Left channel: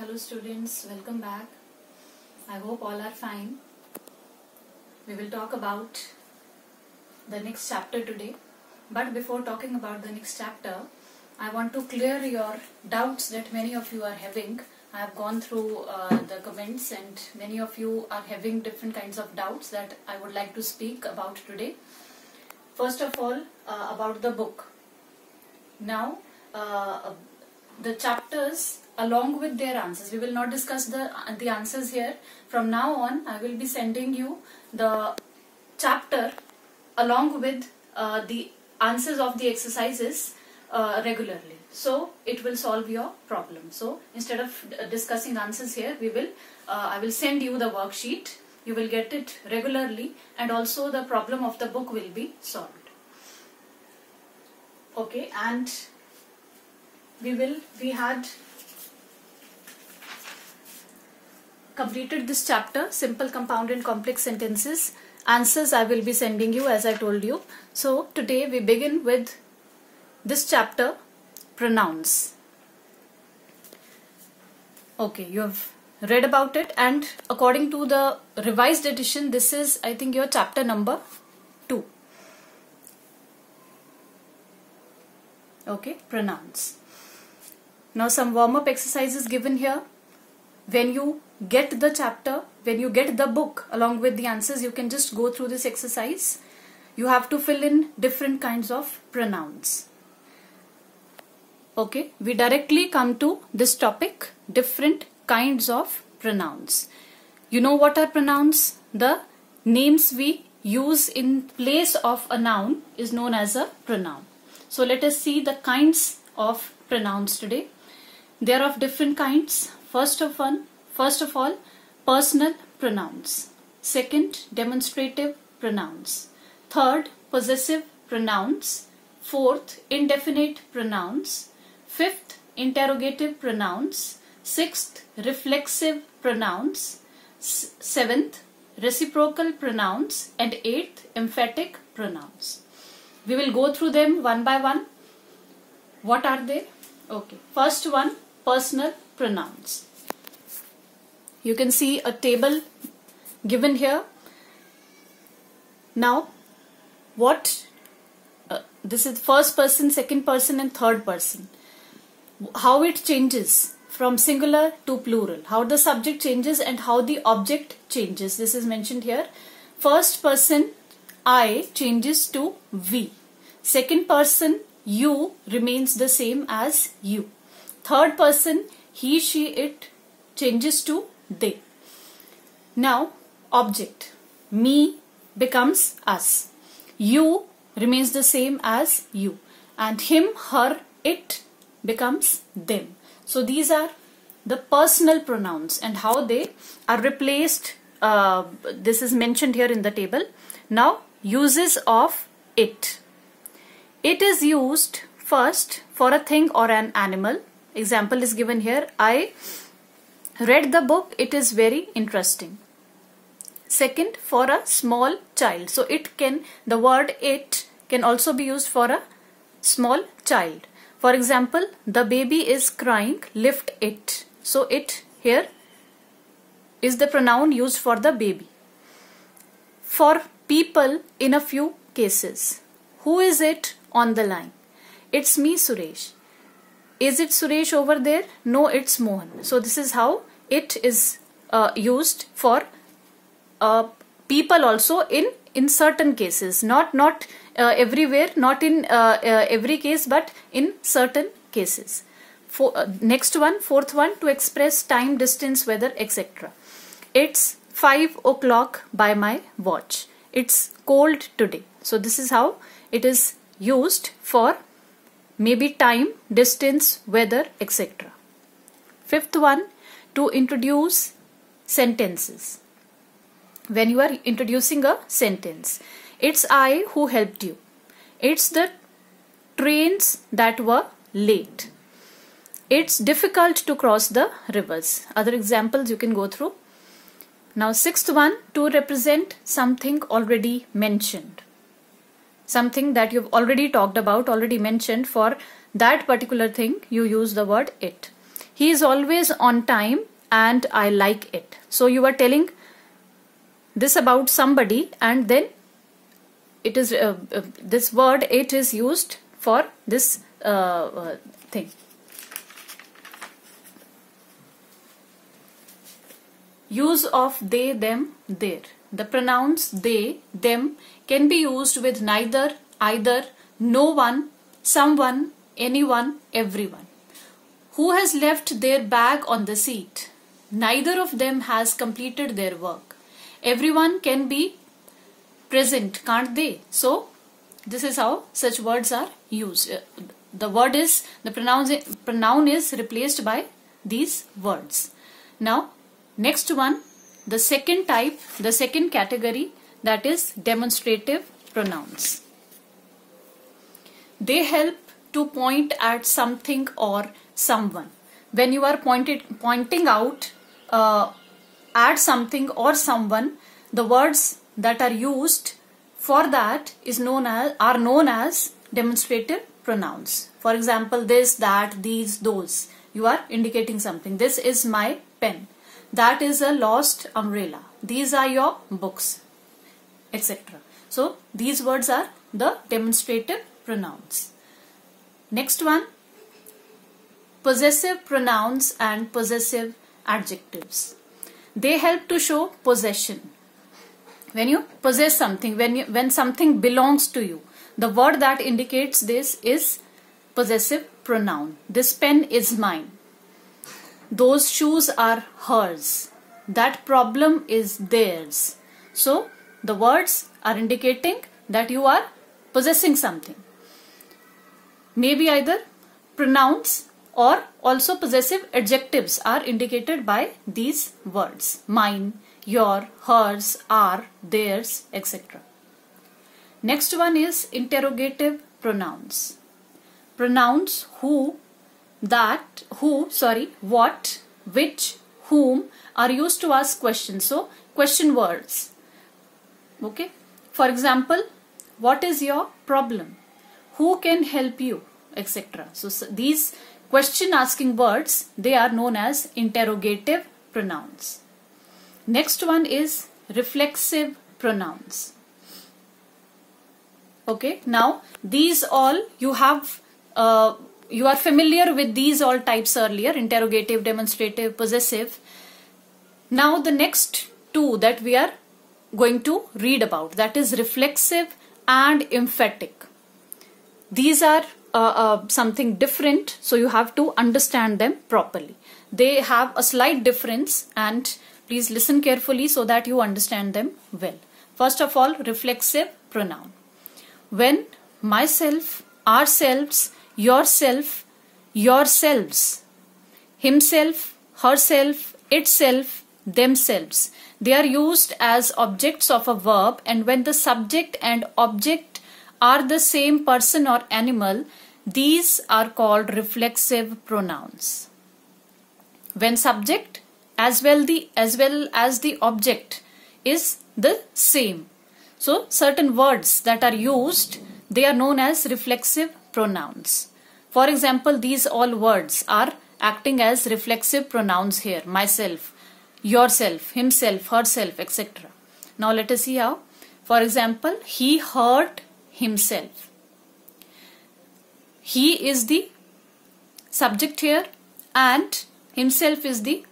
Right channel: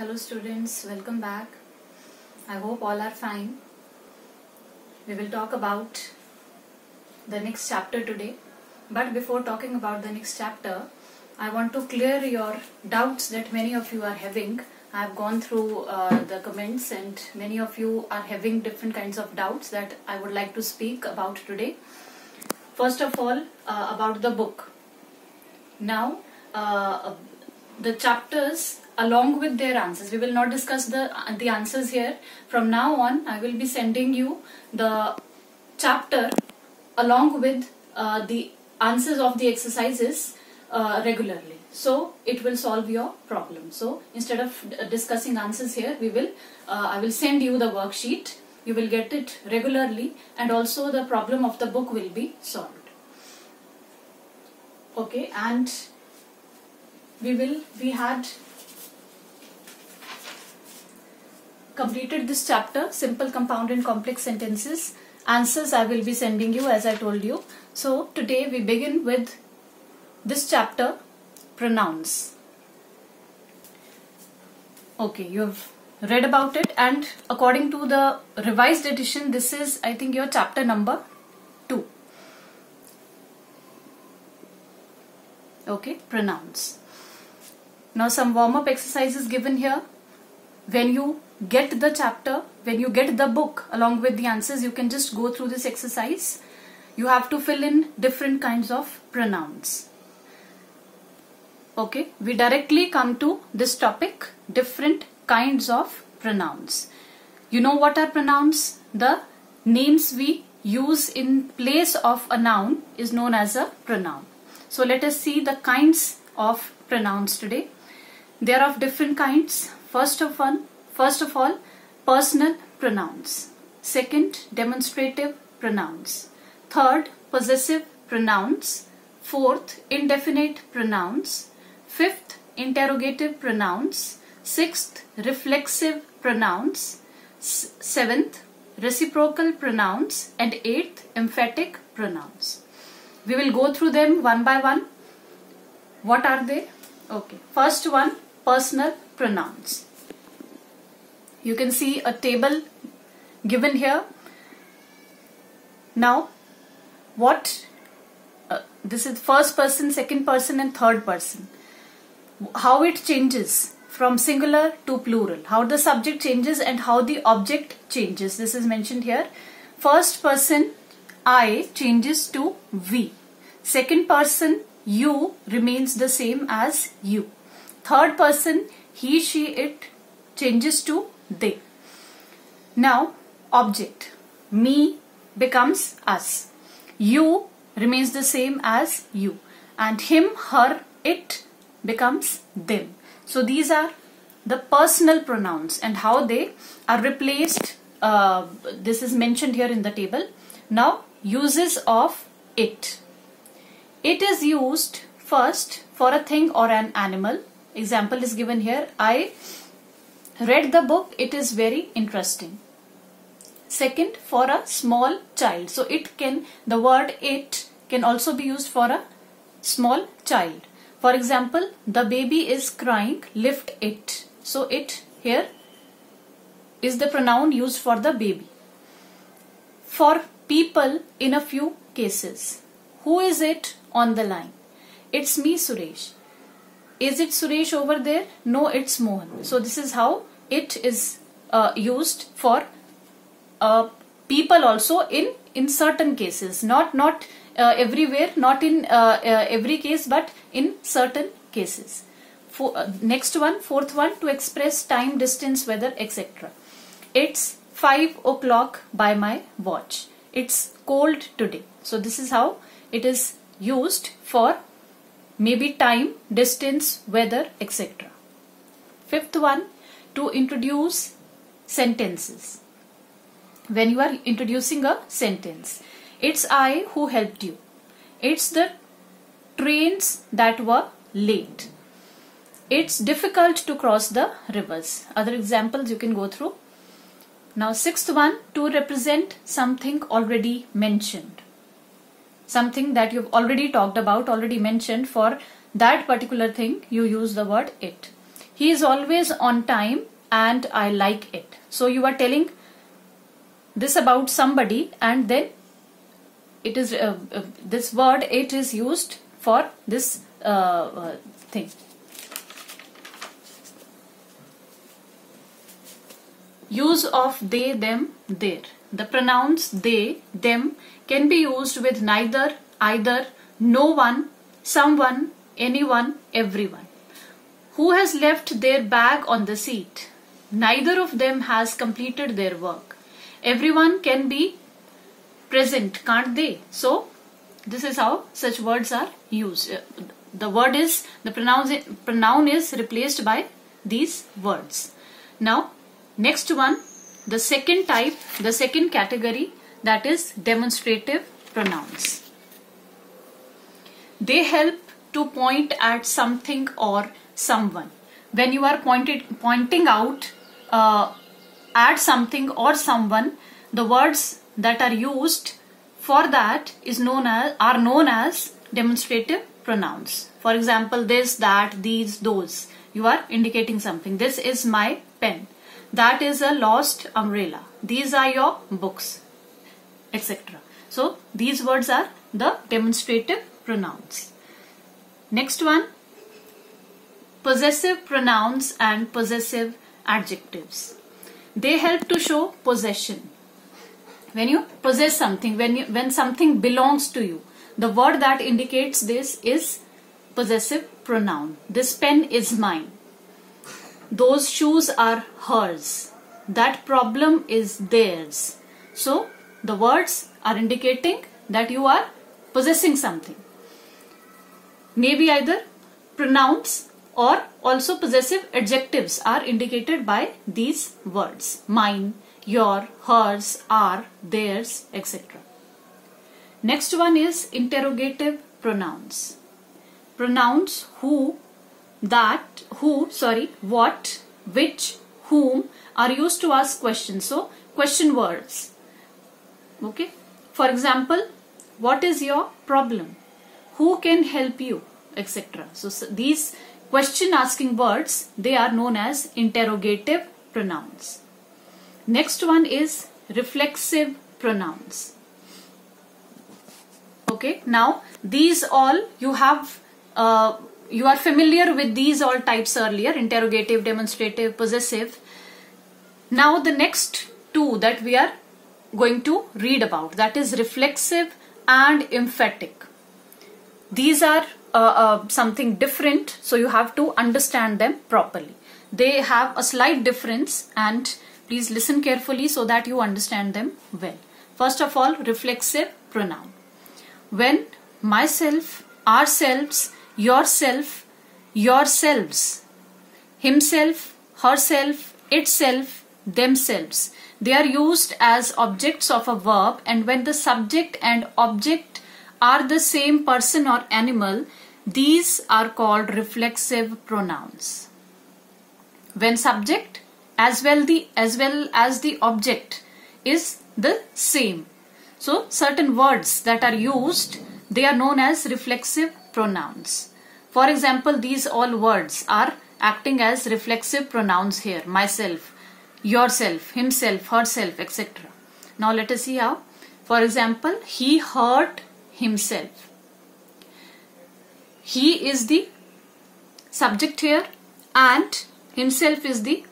Hello students, welcome back. I hope all are fine. We will talk about the next chapter today. But before talking about the next chapter, I want to clear your doubts that many of you are having. I have gone through the comments and many of you are having different kinds of doubts that I would like to speak about today. First of all, about the book. Now, the chapters along with their answers. We will not discuss the answers here. From now on, I will be sending you the chapter along with the answers of the exercises regularly. So it will solve your problem. So instead of discussing answers here, I will send you the worksheet. You will get it regularly, and also the problem of the book will be solved. Okay, and we had completed this chapter, simple, compound and complex sentences. Answers I will be sending you as I told you. So today we begin with this chapter, pronouns. Okay, you have read about it, and according to the revised edition, this is, I think, your chapter number 2. Okay, pronouns. Now some warm-up exercises given here. When you get the chapter, when you get the book along with the answers, you can just go through this exercise. You have to fill in different kinds of pronouns. Okay, we directly come to this topic, different kinds of pronouns. You know what are pronouns? The names we use in place of a noun is known as a pronoun. So let us see the kinds of pronouns today. They are of different kinds. First of all, personal pronouns. Second, demonstrative pronouns. Third, possessive pronouns. Fourth, indefinite pronouns. Fifth, interrogative pronouns. Sixth, reflexive pronouns. Seventh, reciprocal pronouns. And eighth, emphatic pronouns. We will go through them one by one. What are they? Okay. First one, personal pronouns. You can see a table given here. Now, this is first person, second person and third person. How it changes from singular to plural. How the subject changes and how the object changes. This is mentioned here. First person, I, changes to we. Second person, you, remains the same as you. Third person, he, she, it, changes to they. Now, object. Me becomes us. You remains the same as you. And him, her, it becomes them. So these are the personal pronouns and how they are replaced. This is mentioned here in the table. Now, uses of it. It is used first for a thing or an animal. Example is given here. I read the book. It is very interesting. Second, for a small child. So the word it can also be used for a small child. For example, the baby is crying. Lift it. So it here is the pronoun used for the baby. For people in a few cases. Who is it on the line? It's me, Suresh. Is it Suresh over there? No, it's Mohan. So this is how it is used for people also in certain cases. Not everywhere, not in every case, but in certain cases. Next one, fourth one, to express time, distance, weather, etc. It's 5 o'clock by my watch. It's cold today. So this is how it is used for maybe time, distance, weather, etc. Fifth one, to introduce sentences. When you are introducing a sentence, it's I who helped you. It's the trains that were late. It's difficult to cross the rivers. Other examples you can go through. Now, sixth one, to represent something already mentioned. Something that you've already talked about, already mentioned. For that particular thing, you use the word it. he is always on time and I like it. So you are telling this about somebody, and then it is this word it is used for this thing. Use of they, them, their. The pronouns they, them can be used with neither, either, no one, someone, anyone, everyone. Who has left their bag on the seat? Neither of them has completed their work. Everyone can be present, can't they? So this is how such words are used. The pronoun is replaced by these words. Now next one, the second type, the second category, that is demonstrative pronouns. They help to point at something or someone. When you are pointing out at something or someone, the words that are used for that are known as demonstrative pronouns. For example, this, that, these, those. You are indicating something. This is my pen. That is a lost umbrella. These are your books, etc. So these words are the demonstrative pronouns. Next one, possessive pronouns and possessive adjectives. They help to show possession. When you possess something, when something belongs to you, the word that indicates this is possessive pronoun. This pen is mine. Those shoes are hers. That problem is theirs. So the words are indicating that you are possessing something. Maybe either pronouns or also possessive adjectives are indicated by these words. Mine, your, hers, our, theirs, etc. Next one is interrogative pronouns. Pronouns who, that, what, which, whom are used to ask questions. So question words. Okay. For example, what is your problem? Who can help you? Etc. So these question asking words, they are known as interrogative pronouns. Next one is reflexive pronouns. Okay. Now these all you have you are familiar with these all types earlier: interrogative, demonstrative, possessive. Now the next two that we are going to read about, that is reflexive and emphatic. These are something different, so you have to understand them properly. They have a slight difference, and please listen carefully so that you understand them well. First of all, reflexive pronoun. When myself, ourselves, yourself, yourselves, himself, herself, itself, themselves, they are used as objects of a verb, and when the subject and object are the same person or animal, these are called reflexive pronouns. When subject as well as the object is the same, so certain words that are used, they are known as reflexive pronouns. For example, these all words are acting as reflexive pronouns here: myself, yourself, himself, herself, etc. Now let us see how. For example, he hurt himself. He is the subject here and himself is the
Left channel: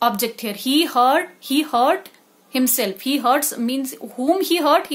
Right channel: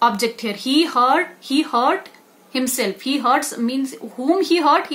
object here. He hurt himself. He hurts means whom he hurt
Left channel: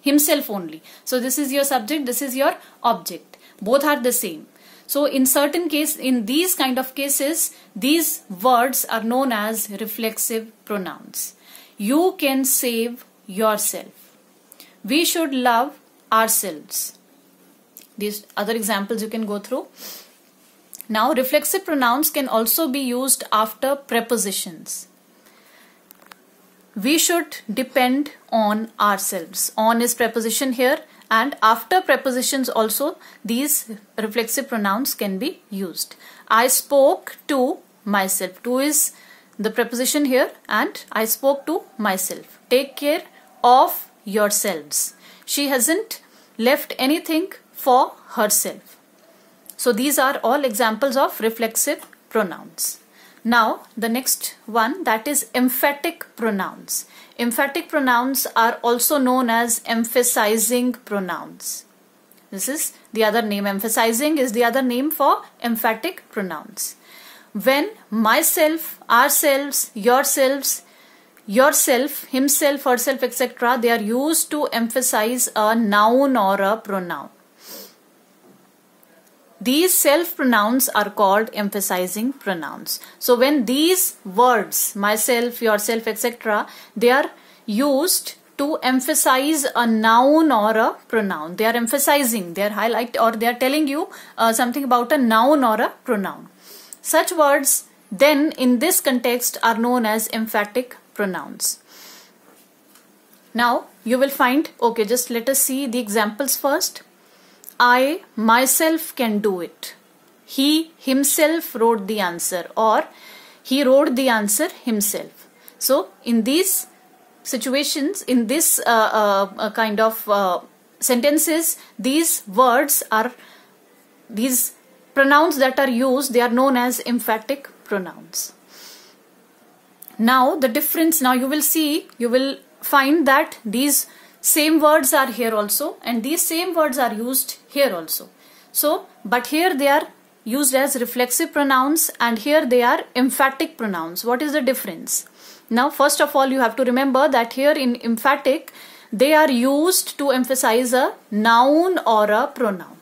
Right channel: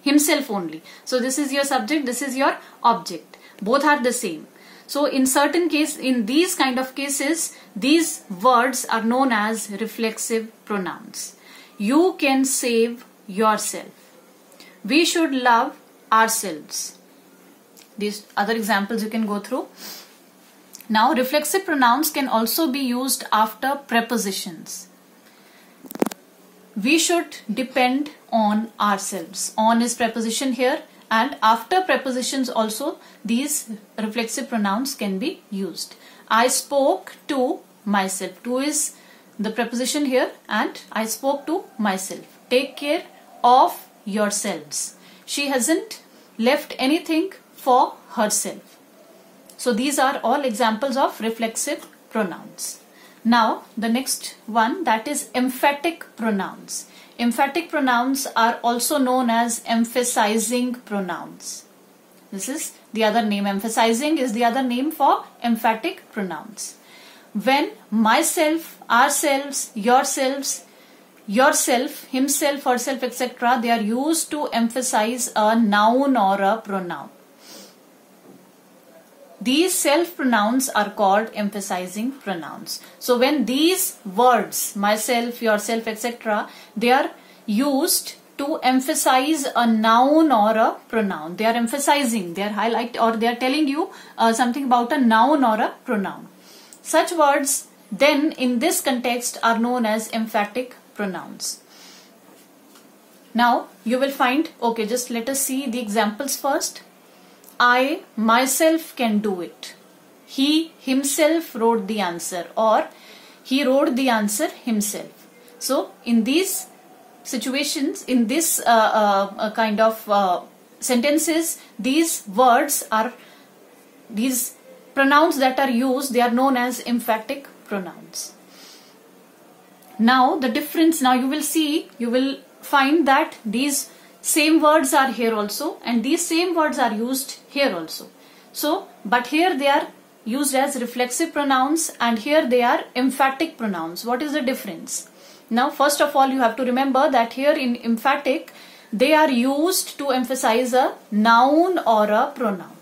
himself only. So this is your subject, this is your object. Both are the same. So in these kind of cases, these words are known as reflexive pronouns. You can save yourself. We should love ourselves. These other examples you can go through. Now reflexive pronouns can also be used after prepositions. We should depend on ourselves. On is preposition here, and after prepositions also these reflexive pronouns can be used. I spoke to myself. To is the preposition here, and I spoke to myself. Take care of yourselves. She hasn't left anything for herself. So these are all examples of reflexive pronouns. Now the next one, that is emphatic pronouns. Emphatic pronouns are also known as emphasizing pronouns. This is the other name. Emphasizing is the other name for emphatic pronouns. When myself, ourselves, yourselves, yourself, himself, herself, etc., they are used to emphasize a noun or a pronoun. These self pronouns are called emphasizing pronouns. So when these words, myself, yourself, etc., they are used to emphasize a noun or a pronoun, they are emphasizing, they are highlighting, or they are telling you something about a noun or a pronoun. Such words then in this context are known as emphatic pronouns. Now you will find, okay, just let us see the examples first. I myself can do it. He himself wrote the answer, or he wrote the answer himself. So in these situations, in this kind of sentences, these words are, these pronouns that are used, they are known as emphatic pronouns. Now the difference, now you will see, you will find that these same words are here also, and these same words are used here also. So, but here they are used as reflexive pronouns and here they are emphatic pronouns. What is the difference? Now, first of all, you have to remember that here in emphatic, they are used to emphasize a noun or a pronoun.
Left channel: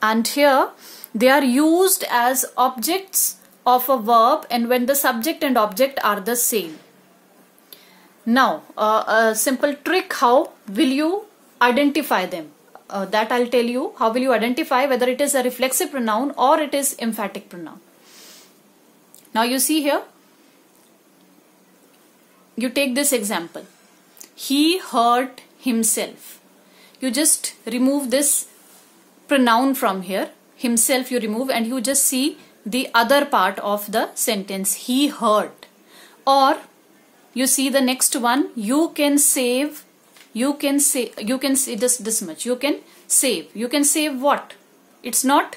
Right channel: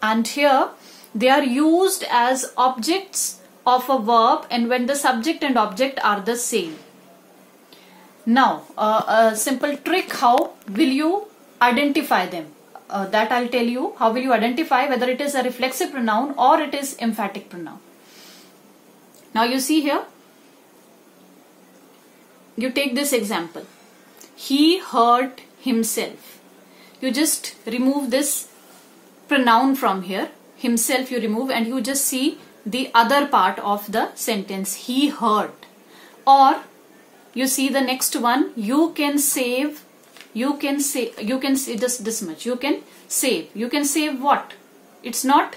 And here they are used as objects of a verb, and when the subject and object are the same. Now, a simple trick, how will you identify them? That I'll tell you. How will you identify whether it is a reflexive pronoun or it is emphatic pronoun? Now you see here, you take this example. He hurt himself. You just remove this pronoun from here. Himself you remove and you just see the other part of the sentence. He hurt. Or you see the next one, you can save, you can say this much, you can save. You can save what? It's not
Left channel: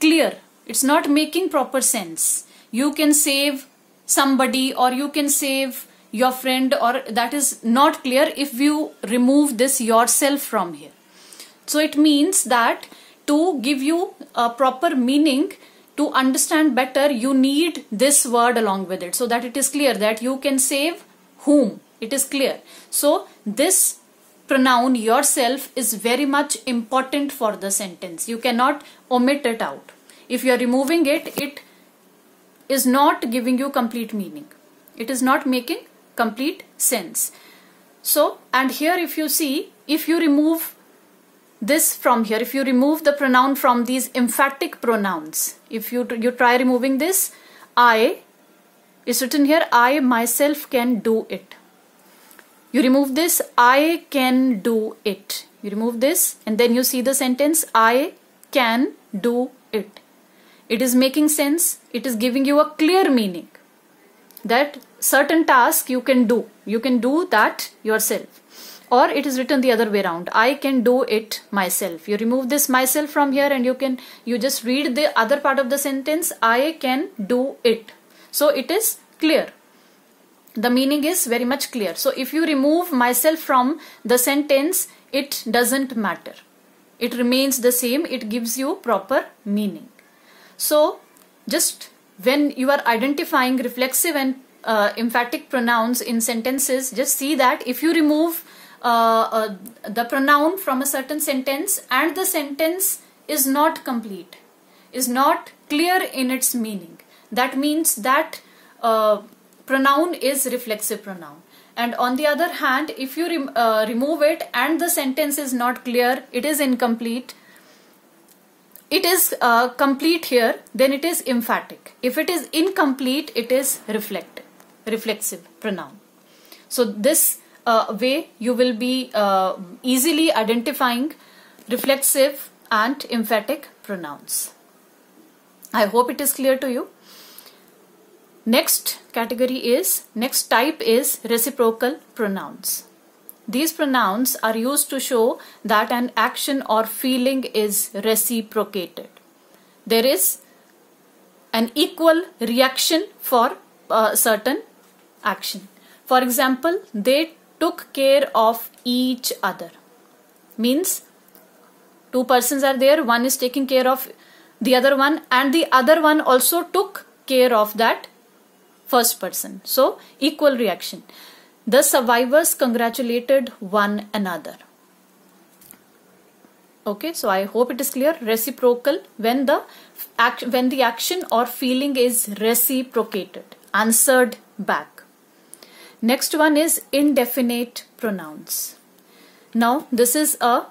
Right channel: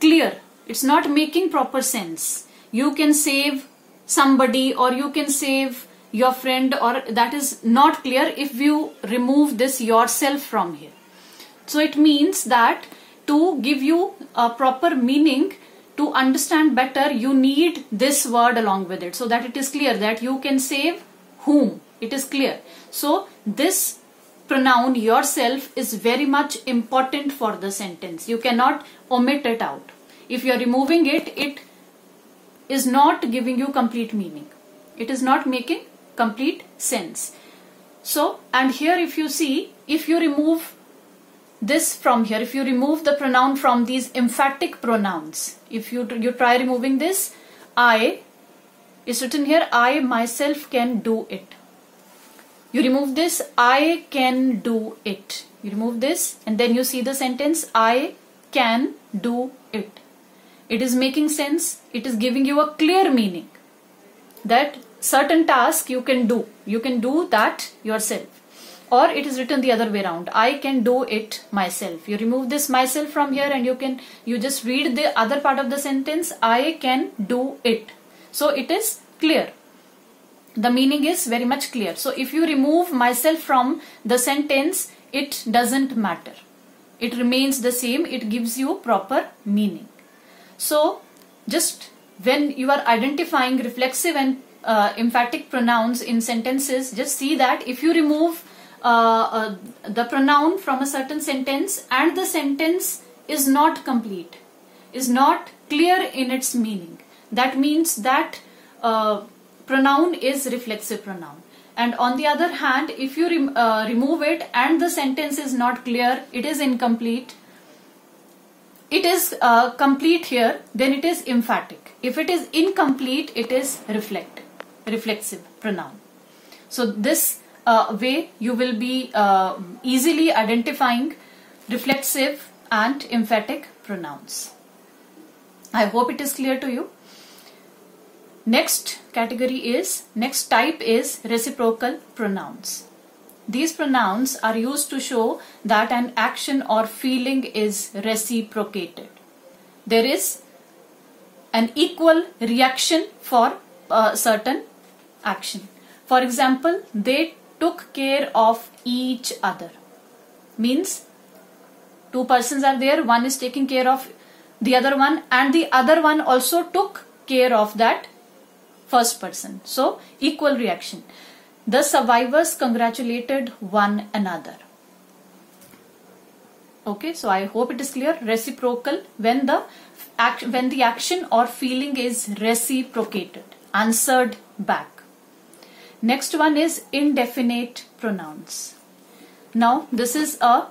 clear. It's not making proper sense. You can save somebody or you can save your friend, or that is not clear if you remove this yourself from here. So it means that to give you a proper meaning, to understand better, you need this word along with it so that it is clear that you can save whom. It is clear. So this pronoun yourself is very much important for the sentence. You cannot omit it out. If you are removing it, it is not giving you complete meaning. It is not making complete sense. So, and here if you see, if you remove this from here, if you remove the pronoun from these emphatic pronouns, if you try removing this, I is written here, I myself can do it. You remove this, I can do it. You remove this and then you see the sentence, I can do it. It is making sense. It is giving you a clear meaning that certain task you can do. You can do that yourself. Or it is written the other way around. I can do it myself. You remove this myself from here and you just read the other part of the sentence. I can do it. So it is clear. The meaning is very much clear. So if you remove myself from the sentence, it doesn't matter. It remains the same. It gives you proper meaning. So just when you are identifying reflexive and emphatic pronouns in sentences, just see that if you remove the pronoun from a certain sentence and the sentence is not complete, is not clear in its meaning, that means that pronoun is reflexive pronoun. And on the other hand, if you remove it and the sentence is not clear, it is incomplete, it is complete here, then it is emphatic. If it is incomplete, it is reflexive pronoun. So this way you will be easily identifying reflexive and emphatic pronouns. I hope it is clear to you. Next type is reciprocal pronouns. These pronouns are used to show that an action or feeling is reciprocated. There is an equal reaction for a certain action. For example, they took care of each other. Means two persons are there, one is taking care of the other one and the other one also took care of that first person. So equal reaction. The survivors congratulated one another. Okay, so I hope it is clear. Reciprocal, when the action or feeling is reciprocated, answered back. Next one is indefinite pronouns. Now this is a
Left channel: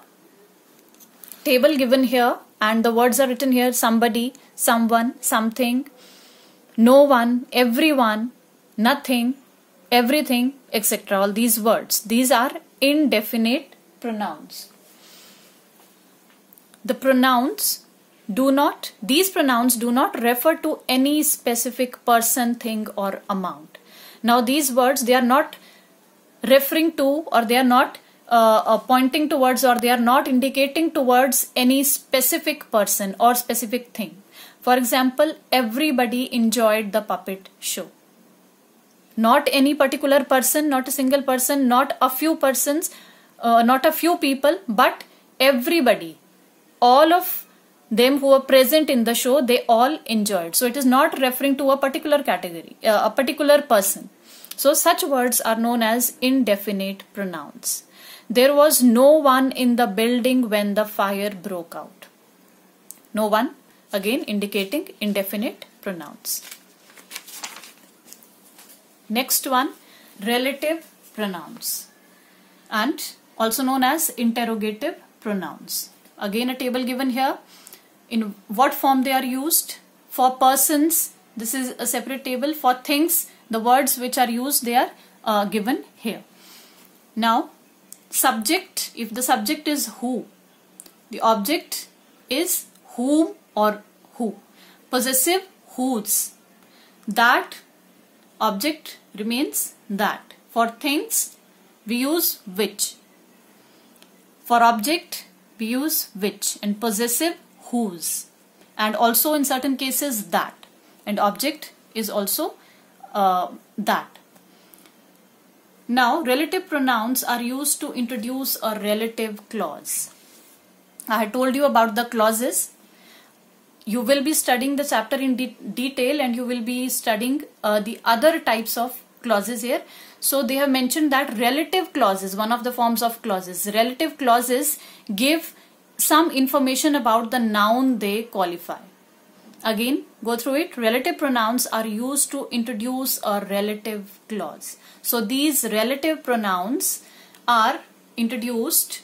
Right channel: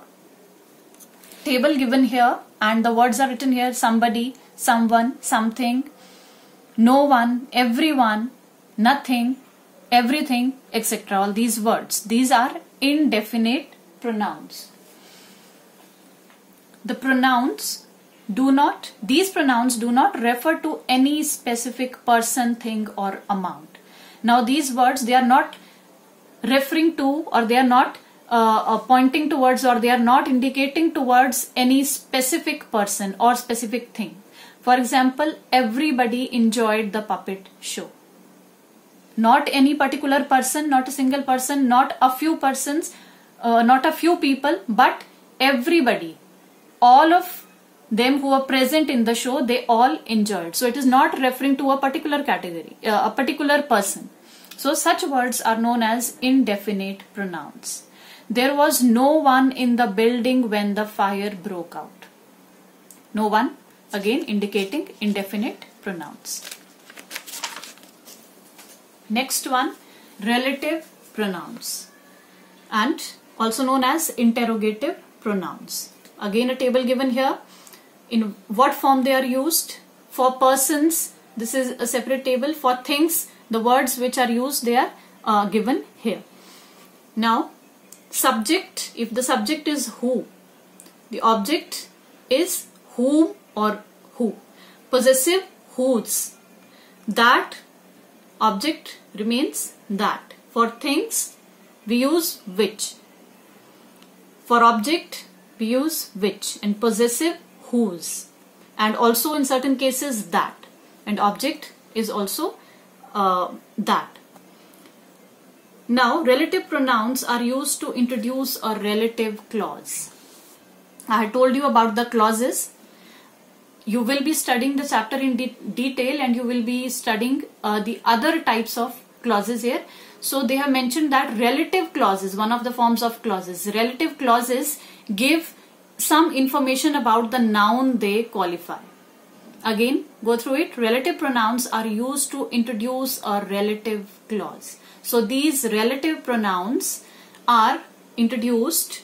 table given here and the words are written here: somebody, someone, something, no one, everyone, nothing, everything, etc. All these words, these are indefinite pronouns. These pronouns do not refer to any specific person, thing or amount. Now these words, they are not referring to, or they are not pointing towards, or they are not indicating towards any specific person or specific thing. For example, everybody enjoyed the puppet show. Not any particular person, not a single person, not a few persons, not a few people, but everybody. All of them who were present in the show, they all enjoyed. So it is not referring to a particular category, a particular person. So such words are known as indefinite pronouns. There was no one in the building when the fire broke out. No one, again indicating indefinite pronouns. Next one, relative pronouns, and also known as interrogative pronouns. Again a table given here. In what form they are used? For persons, this is a separate table. For things, the words which are used, they are given here. Now subject, if the subject is who, the object is whom or who. Possessive, whose. That, object remains that. For things, we use which. For object, we use which, and possessive, whose, and also in certain cases that, and object is also that. Now relative pronouns are used to introduce a relative clause. I had told you about the clauses. You will be studying the chapter in detail, and you will be studying the other types of clauses here. So they have mentioned that relative clauses, one of the forms of clauses. Relative clauses give some information about the noun they qualify. Again, go through it. Relative pronouns are used to introduce a relative clause. So these relative pronouns are introduced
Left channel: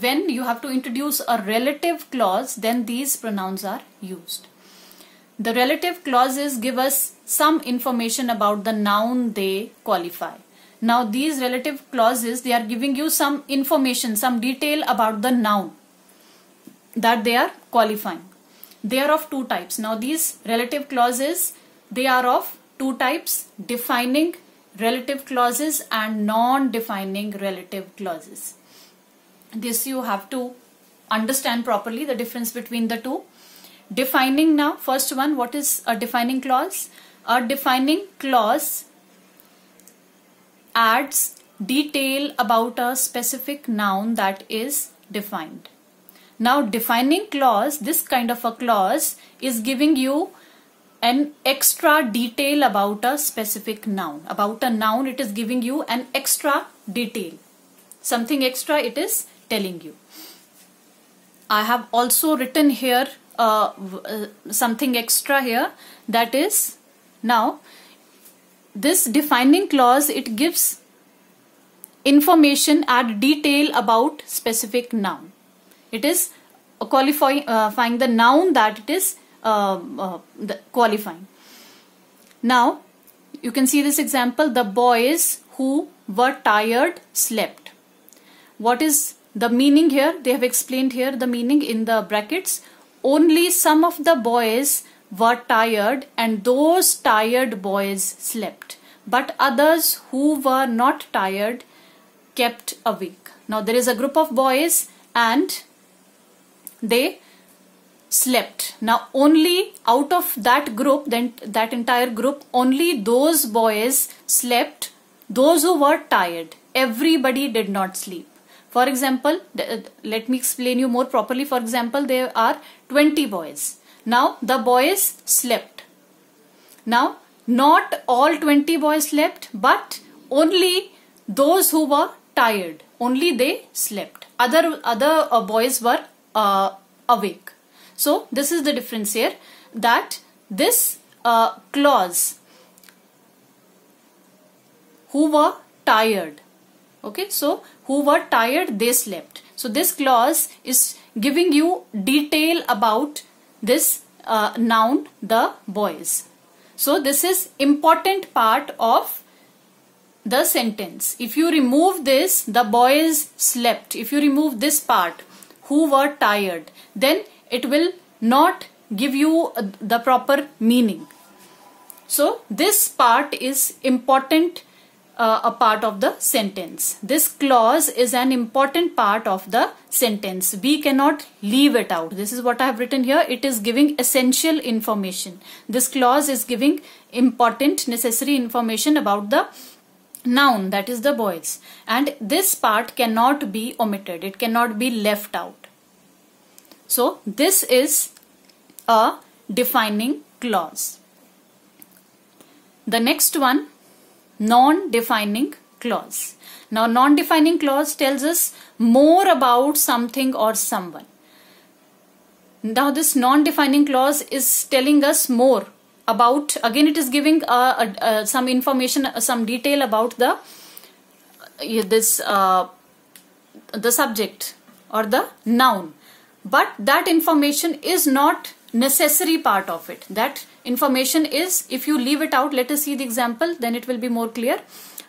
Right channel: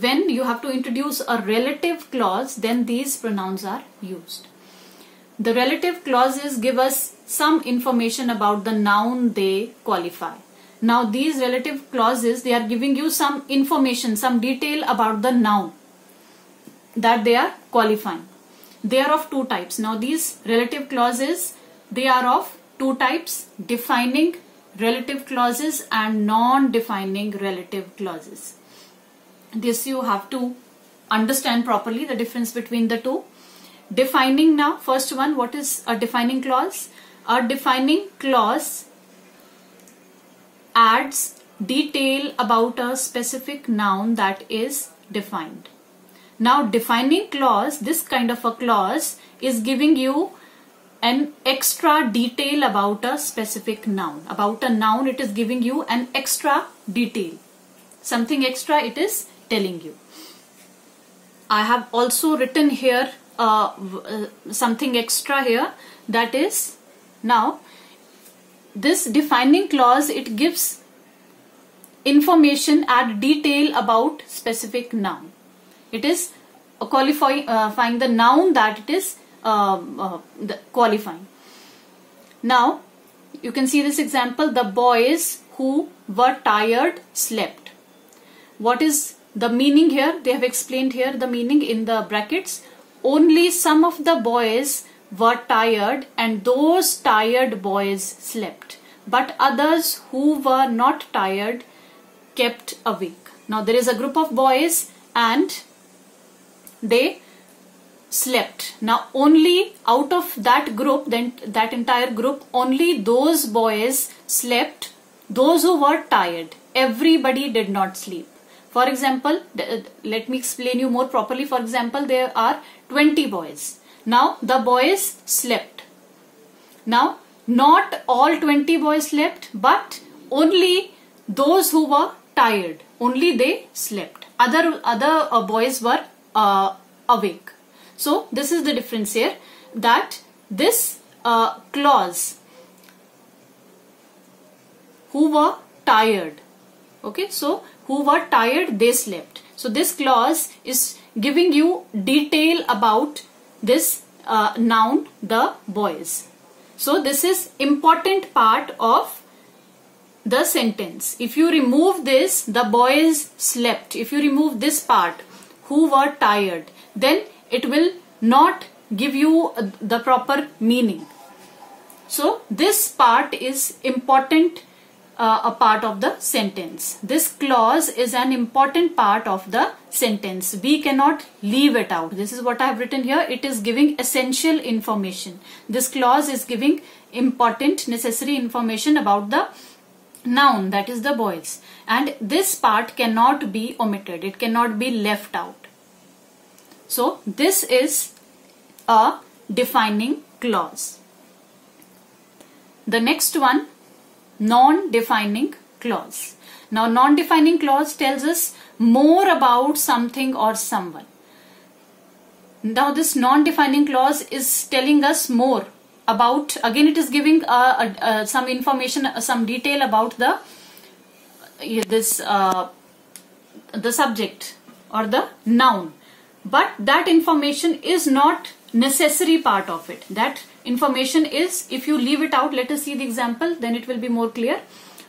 when you have to introduce a relative clause, then these pronouns are used. The relative clauses give us some information about the noun they qualify. Now these relative clauses, they are giving you some information, some detail about the noun that they are qualifying. They are of two types. Now these relative clauses, they are of two types: defining relative clauses and non-defining relative clauses. This you have to understand properly, the difference between the two. Defining, now first one, what is a defining clause? A defining clause adds detail about a specific noun that is defined. Now defining clause, this kind of a clause is giving you an extra detail about a specific noun. About a noun, it is giving you an extra detail. Something extra it is telling you. I have also written here something extra here, that is, now this defining clause, it gives information, add detail about specific noun. It is qualifying the noun that it is qualifying. Now you can see this example: the boys who were tired slept. What is the meaning here? They have explained here the meaning in the brackets. Only some of the boys were tired and those tired boys slept, but others who were not tired kept awake. Now there is a group of boys and they slept. Now only out of that group, then that entire group, only those boys slept, those who were tired. Everybody did not sleep. For example, let me explain you more properly. For example, there are 20 boys. Now the boys slept. Now not all 20 boys slept, but only those who were tired, only they slept. Other boys were awake. So this is the difference here, that this clause, who were tired, okay, so who were tired, they slept. So this clause is giving you detail about this noun, the boys. So this is important part of the sentence. If you remove this, the boys slept, if you remove this part, who were tired, then it will not give you the proper meaning. So this part is important, a part of the sentence. This clause is an important part of the sentence. We cannot leave it out. This is what I have written here. It is giving essential information. This clause is giving important, necessary information about the noun, that is the boys. And this part cannot be omitted. It cannot be left out. So this is a defining clause. The next one, non-defining clause. Now non-defining clause tells us more about something or someone. Now this non-defining clause is telling us more about, again it is giving some information, some detail about the subject or the noun. But that information is not necessary part of it. That information is, if you leave it out, let us see the example, then it will be more clear.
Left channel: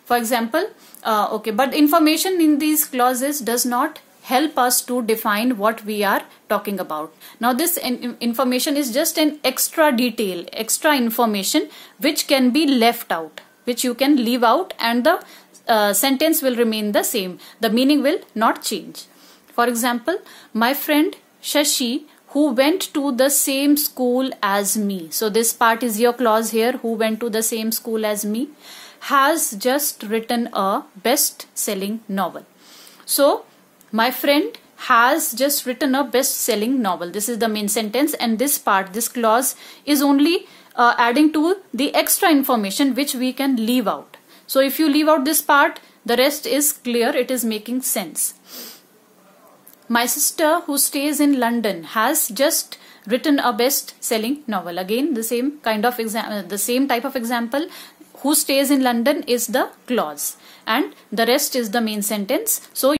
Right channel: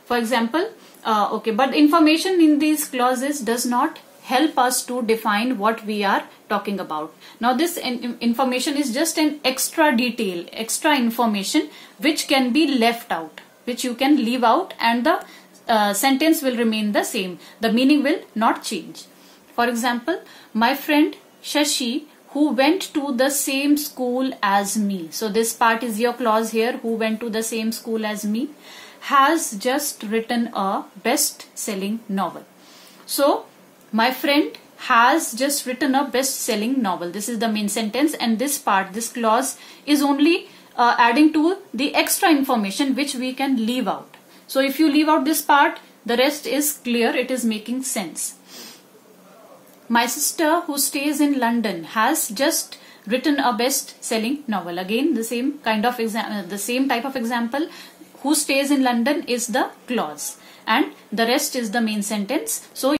For example, but information in these clauses does not help us to define what we are talking about. Now this information is just an extra detail, extra information which can be left out, which you can leave out, and the sentence will remain the same. The meaning will not change. For example, my friend Shashi, who went to the same school as me. So this part is your clause here, who went to the same school as me, has just written a best-selling novel. So my friend has just written a best-selling novel. This is the main sentence, and this part, this clause is only adding to the extra information which we can leave out. So if you leave out this part, the rest is clear, it is making sense. My sister, who stays in London, has just written a best-selling novel. Again, the same kind of the same type of example. Who stays in London is the clause, and the rest is the main sentence. So